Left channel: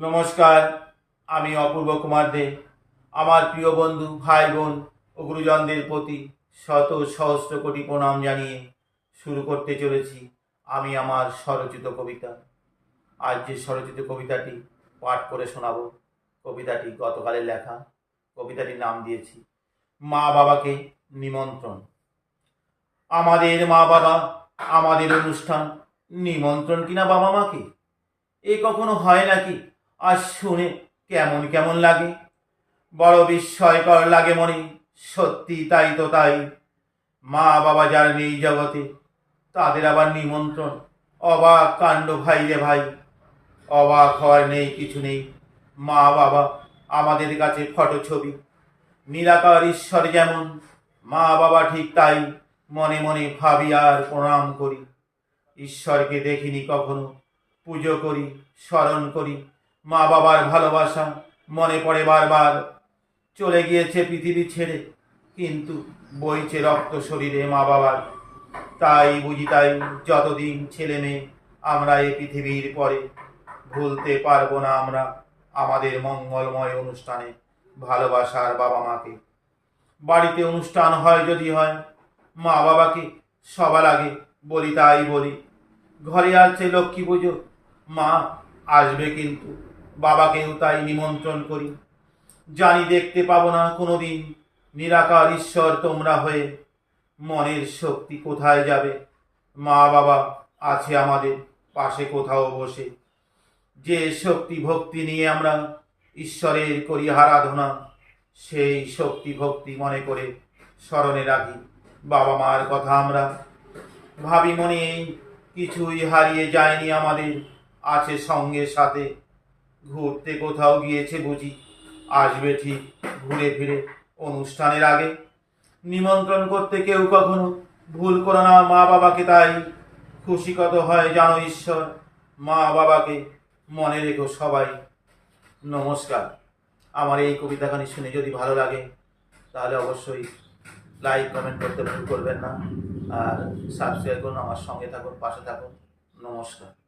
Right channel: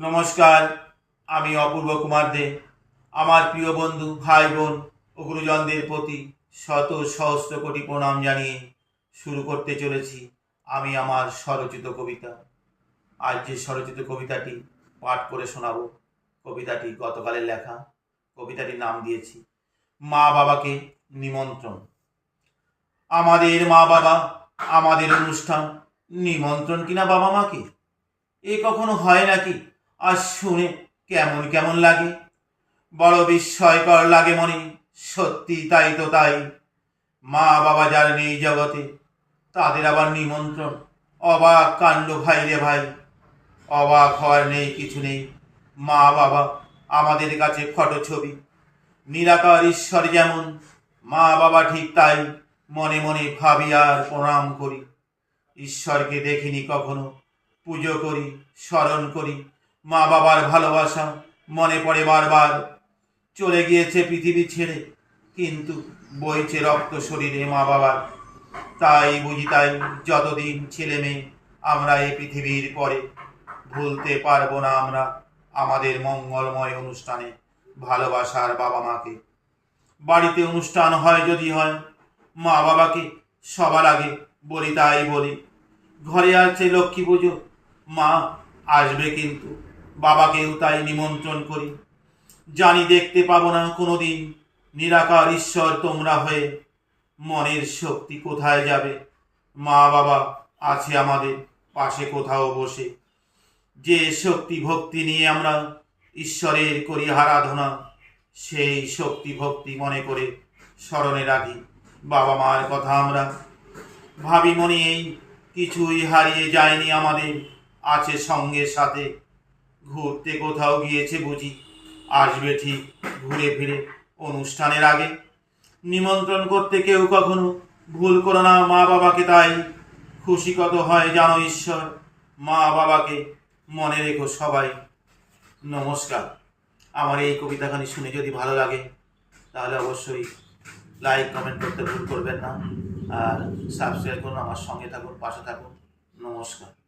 নমস্কার, আমি অপূর্ব কুমার দে। আমার প্রিয় বন্ধু, ভাই বোন ও গুরুজনদের প্রতি শত সহস্র কোটি প্রণাম জানিয়ে শুরু করতে চলেছি আমি আমার স্বরচিত কবিতা। আজ যে স্বরচিত কবিতাটি পাঠ করে শোনাবো, কবিতাটি গতকালের লেখা। কবিতাটির নাম দিয়েছি মা বাবাকে নিমন্ত্রণ। আমাদের মা বাবা, আমাদের অনুষ্ঠান, নিমন্ত্রণ কিনা বাবা মাকে, এ কখনো হয় নাকি? আর শুনে কেমন কেমন লাগে, বড় বিস্ময়কর লাগে মনে। সত্যি তাই তো তাই, মা বাবা যার নেই জগতে, তাদের আবার নিমন্ত্রণ। অবাক কাণ্ড ভাই রে ভাই, অবাক হওয়ার নেই কিছু নেই। মা বাবা আমাদের কাছে ফটো ছবি, নিরাকার ঈশ্বর যেমন, মা বাবা ঠিক তাই। মনে মনে ভাবি আর প্রণাম করি। ঈশ্বরকে দেখিনি কখনো, পুজো করি, স্মরণ করি। মা বাবার ভালোবাসা মনে পড়ে বারবার। চলে গিয়েছে পৃথিবী ছেড়ে, কিন্তু বইছে রক্ত শরীরে মা বাবার। তাই বুঝি তাই, যতদিন ছেলে মেয়ে আমরা এই পৃথিবীর পরে, ভুলতে পারবো না আমরা আমাদের মঙ্গলময় অনুষ্ঠানে ভালোবাসার বাবা মাকে। বাড়িতে অনুষ্ঠান হয় যদি হয়, মা বাবাকে সবার আগে বলি, তাই বলি। ঘরে আছে লক্ষ্মী পুজো, মা আসবে কিন্তু বাবাকেও তাই নিমন্ত্রণ করি। জানি দেখতে পাবো না কোনো দিন নিরাকার ঈশ্বর তোমরা হয়ে, মনের শক্তি কোথায় যাবে? মা বাবা আছে আমাদের পাশে কোথাও বসে। যে শক্তি ভক্তি নিয়ে আমরা ঈশ্বরের করি আরাধনা, সেই শক্তি ভক্তি মনে করে স্মরণে রাখি বাবা মার কথা আমরা। ভাবি মনে এই কিছুই হারিয়ে যায়নি আমাদের, আছে সঙ্গে সাথে। ঘুরতে কোথাও গিয়েছে বুঝি, আসবে ঠিক ঘুরে ফিরে অনুষ্ঠানের আগে। নিমন্ত্রণ করতে কেউ কখনো ভুল করো না মা বাবাকে, তাই খুশি কত হয় জানো ঈশ্বর। মা বাবাকে মনে রেখো সবাই। নমস্কার। আমার এই কবিতাখানি শুনে যদি ভালো লাগে, তাহলে অবশ্যই লাইক কমেন্ট করতে ভুল করবেন না। আর সাবস্ক্রাইব করুন, আমার সঙ্গে থাকুন, পাশে থাকুন। নমস্কার।